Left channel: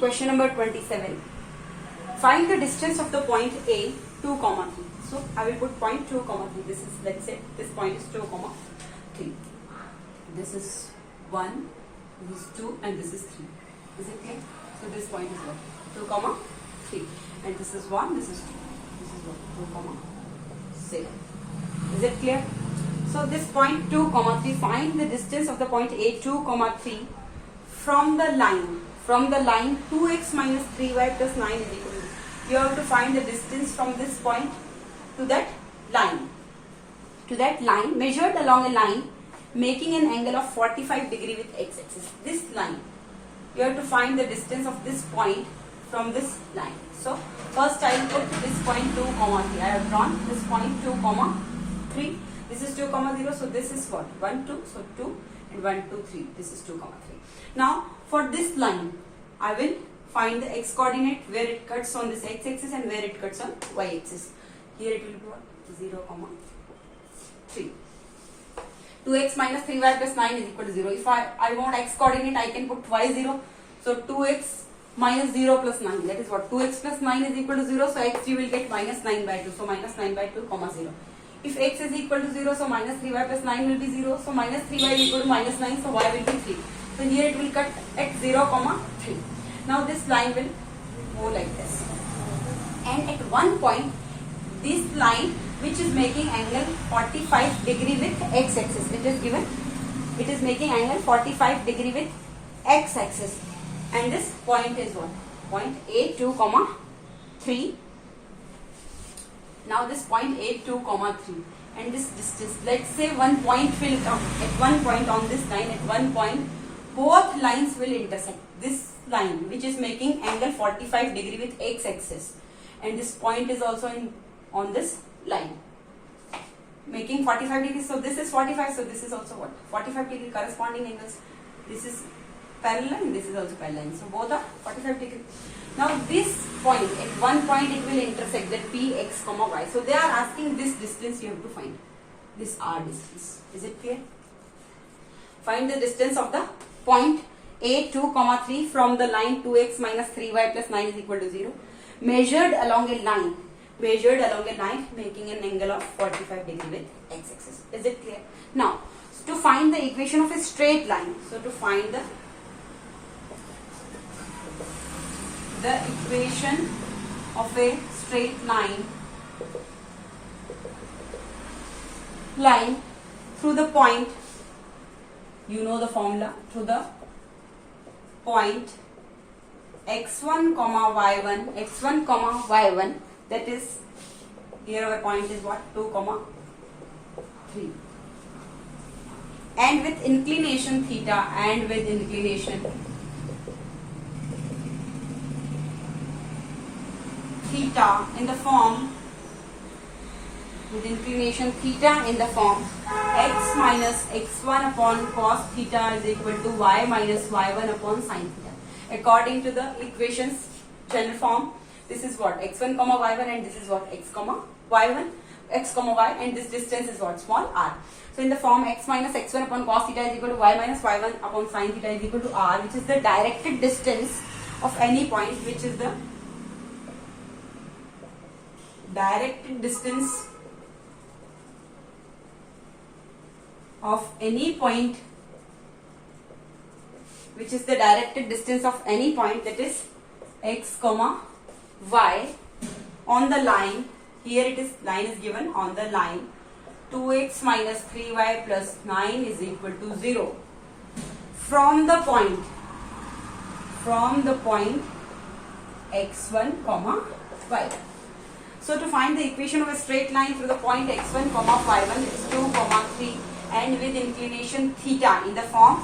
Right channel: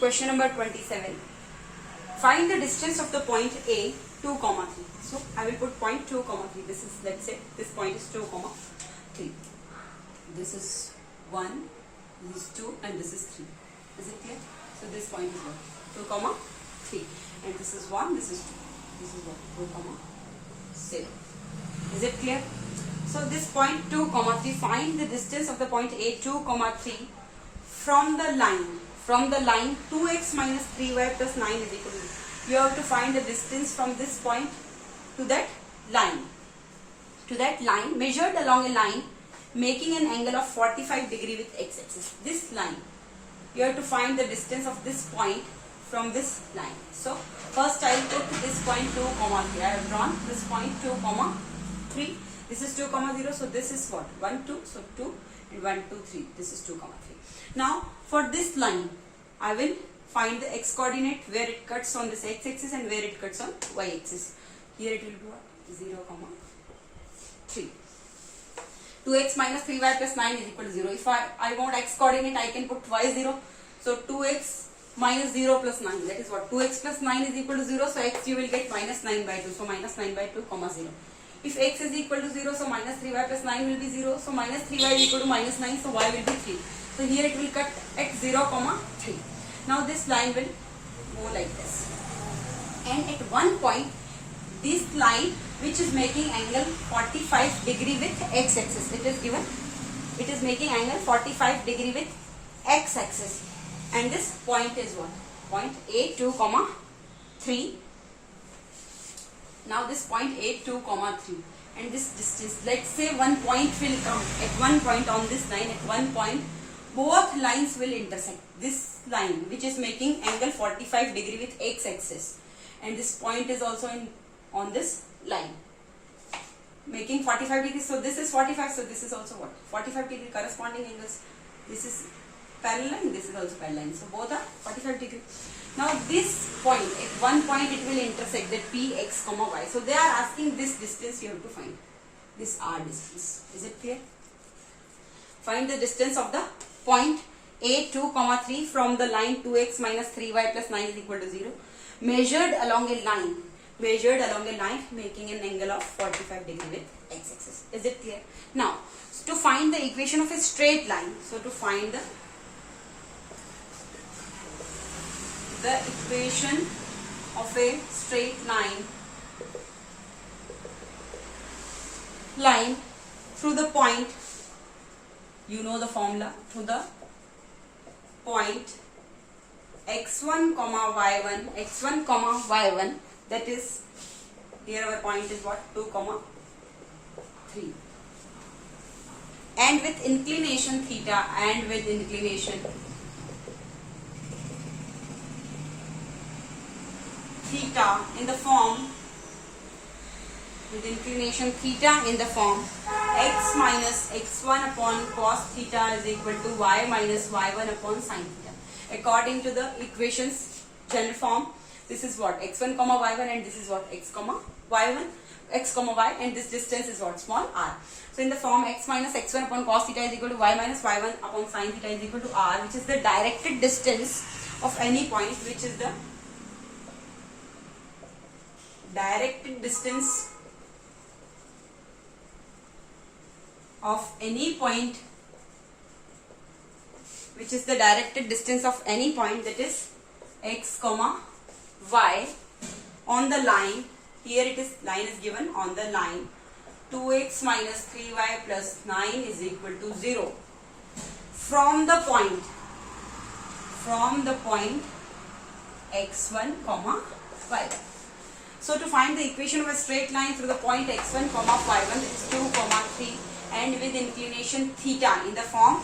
Question number 27. Find the distance of the point A 2, 3. So I will put point 2, 3. This is, let's say this point is 2, 3. This is 1, this is 2 and this is 3. Is it clear? So this point is what? 2, 3. And this is 1, this is 2. This is what? 2, 0. Is it clear? So this point 2, 3, find the distance of the point A 2, 3 from the line. From the line 2x minus 3y plus 9 is equal to. You have to find the distance from this point to that line. To that line measured along a line making an angle of 45 degree with x-axis. This line. You have to find the distance of this point from this line. So first I will put this point 2, 3. I have drawn this point 2, 3. This is 2, 0. So this is what? 1, 2. So 2 and 1, 2, 3. This is 2, 3. Now for this line, I will find the x coordinate where it cuts on this x-axis and where it cuts on y-axis. Here it will be what? 0, 3. 2x minus 3y plus 9 is equal to 0. If I want x coordinate, I can put y0. So 2x minus 0 plus 9. That is what? 2x plus 9 is equal to 0. So x you will get minus 9 by 2. So minus 9 by 2, 0. If x is equal to 0, so minus 3y plus 9 will be 0. So minus 3y is equal to minus 9. So y will be 3. So here it will cut at 0, 3. Now this line will go like this. And at one point, this line which is making angle 45 degree with x-axis. It is given. It is making angle 45 degree with x-axis. And this point is what? Point A 2, 3. Now this point A 2, 3. And this distance. Let's say one point will come. At one point on this line, at one point, both lines will intersect. This line which is making angle 45 degree with x-axis and this point is also on this line making 45 degrees. So this is 45. So this is also what? 45 degree corresponding angles. This is parallel line. This is also parallel line. So both are 45 degree. Now this point, at one point it will intersect that P, x, y. So they are asking this distance you have to find. This R distance. Is it clear? Find the distance of the point A 2, 3 from the line 2x minus 3y plus 9 is equal to 0. Measured along a line. Measured along a line making an angle of 45 degree with x-axis. Is it clear? Now, to find the equation of a straight line. So to find the equation of a straight line through the point, you know the formula, through the point x1, y1, that is, here our point is what? 2, 3. And with inclination theta in the form, with inclination theta in the form x minus x1 upon cos theta is equal to y minus y1 upon sin theta. According to the equations general form, this is what? x1, y1 and this is what? x, y and this distance is what? Small r. So in the form x minus x1 upon cos theta is equal to y minus y1 upon sin theta is equal to r, which is the directed distance of any point, which is the directed distance of any point, which is the directed distance of any point, that is x, y on the line. Here it is, line is given on the line 2x minus 3y plus 9 is equal to 0 from the point x1, y1. So to find the equation of a straight line through the point x1, y1 is 2, 3 and with inclination theta in the form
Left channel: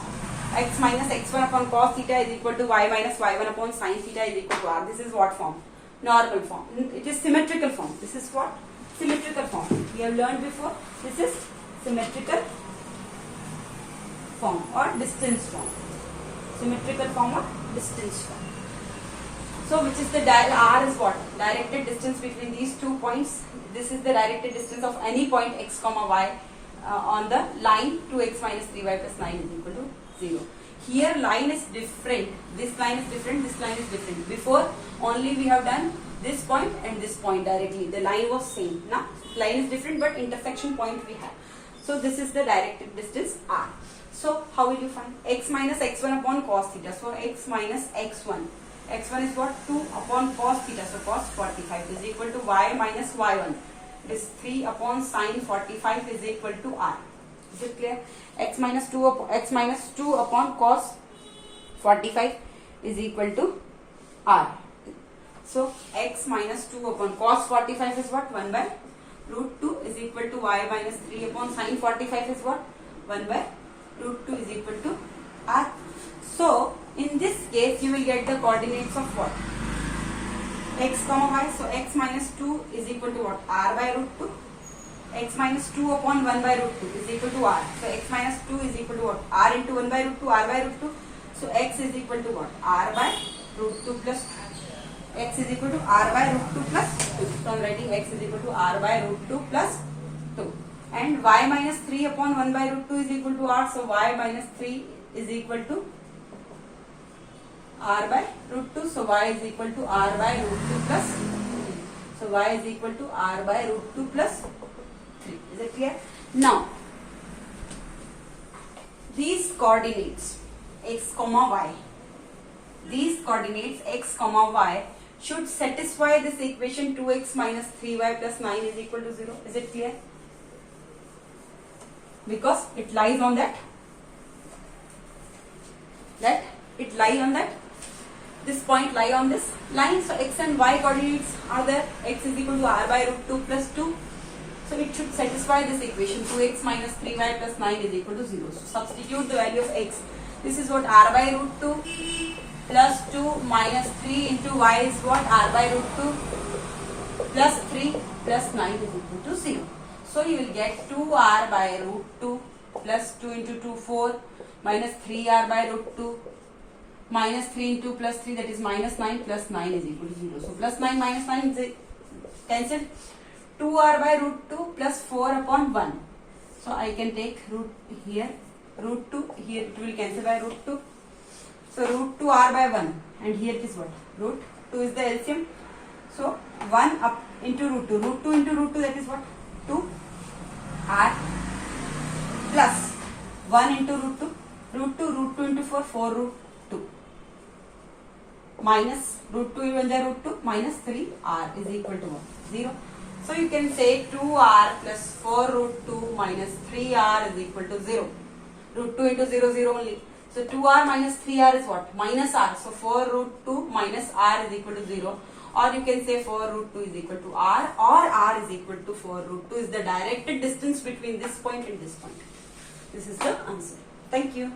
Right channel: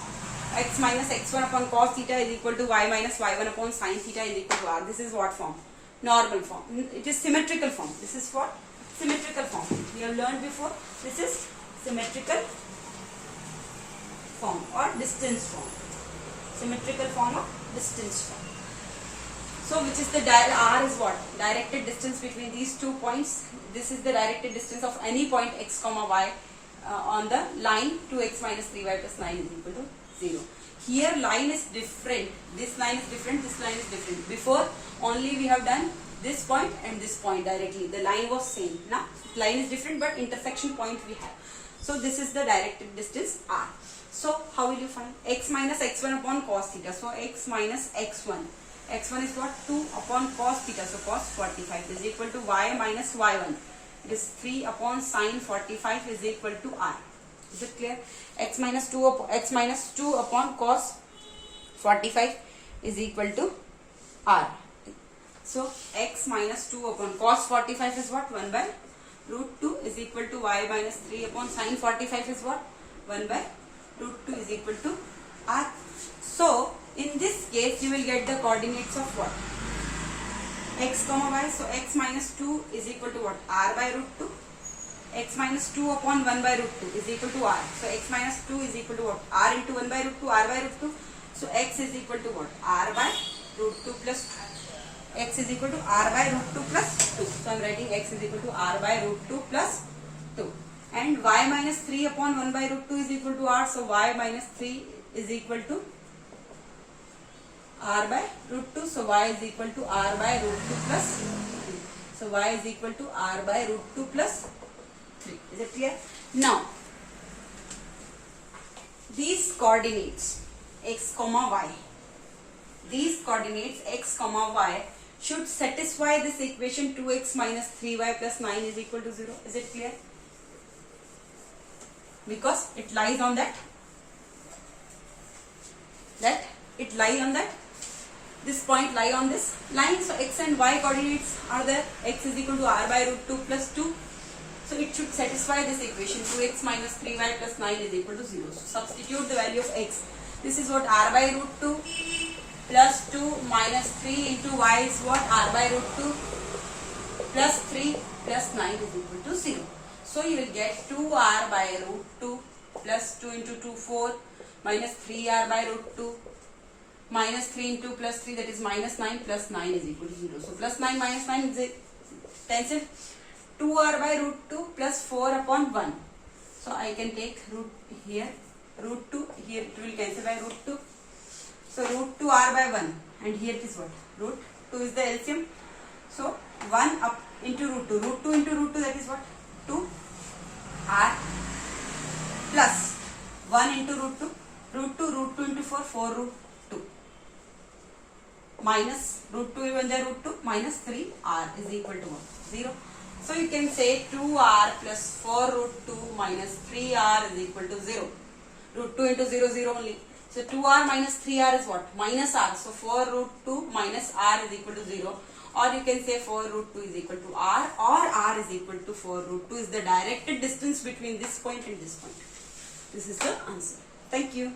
x minus x1 upon cos theta is equal to y minus y1 upon sin theta is equal to r. This is what form? Normal form. It is symmetrical form. This is what? Symmetrical form. We have learned before. This is symmetrical form or distance form. Symmetrical form or distance form. So which is the r is what? Directed distance between these 2 points. This is the directed distance of any point x, y on the line 2x minus 3y plus 9 is equal to 0. Here line is different. This line is different. This line is different. Before only we have done this point and this point directly. The line was same. Now line is different, but intersection point we have. So this is the directed distance r. So how will you find x minus x1 upon cos theta? So x minus x1. x1 is what? 2 upon cos theta. So cos 45 is equal to y minus y1. It is 3 upon sine 45 is equal to r. Is it clear? X minus 2 upon cos 45 is equal to r. So x minus 2 upon cos 45 is what? 1 by root 2 is equal to y minus 3 upon sine 45 is what? 1 by root 2 is equal to r. So in this case you will get the coordinates of what? X comma y. So x minus 2 is equal to what? R by root 2. X minus 2 upon 1 by root 2 is equal to r. So x minus 2 is equal to what? R into 1 by root 2, r by root 2. So x is equal to what? R by root 2 plus 2. X is equal to r by root 2 plus 2. So I am writing x is equal to r by root 2 plus 2. And y minus 3 upon 1 by root 2 is equal to r. So y minus 3 is equal to r by root 2. So y is equal to r by root 2 plus 3. So y is equal to r by root 2 plus 3. Is it clear? Now, these coordinates x comma y, these coordinates x comma y should satisfy this equation 2x minus 3y plus 9 is equal to 0. Is it clear? Because it lies on that it lies on that, this point lie on this line. So x and y coordinates are there. X is equal to r by root 2 plus 2. So it should satisfy this equation 2x minus 3y plus 9 is equal to 0. So substitute the value of x. This is what? R by root 2 plus 2 minus 3 into y is what? R by root 2 plus 3 plus 9 is equal to 0. So you will get 2r by root 2 plus 2 into 2 4 minus 3r by root 2 minus 3 into plus 3, that is minus 9 plus 9 is equal to 0. So plus 9 minus 9 is cancelled. 2r by root 2 plus 4 upon 1. So I can take root here, root 2, here it will cancel by root 2. So root 2 r by 1, and here it is what? Root 2 is the LCM. So 1 up into root 2. Root 2 into root 2, that is what? 2 r plus 1 into root 2. Root 2 into 4, 4 root 2. Minus root 2 even there root 2 minus 3r is equal to what? 0. So you can say 2r plus 4 root 2 minus 3r is equal to 0. Root 2 into 0, 0 only. So 2r minus 3r is what? Minus r. So 4 root 2 minus r is equal to 0. Or you can say 4 root 2 is equal to r, or r is equal to 4 root 2 is the directed distance between this point and this point. This is the answer. Thank you.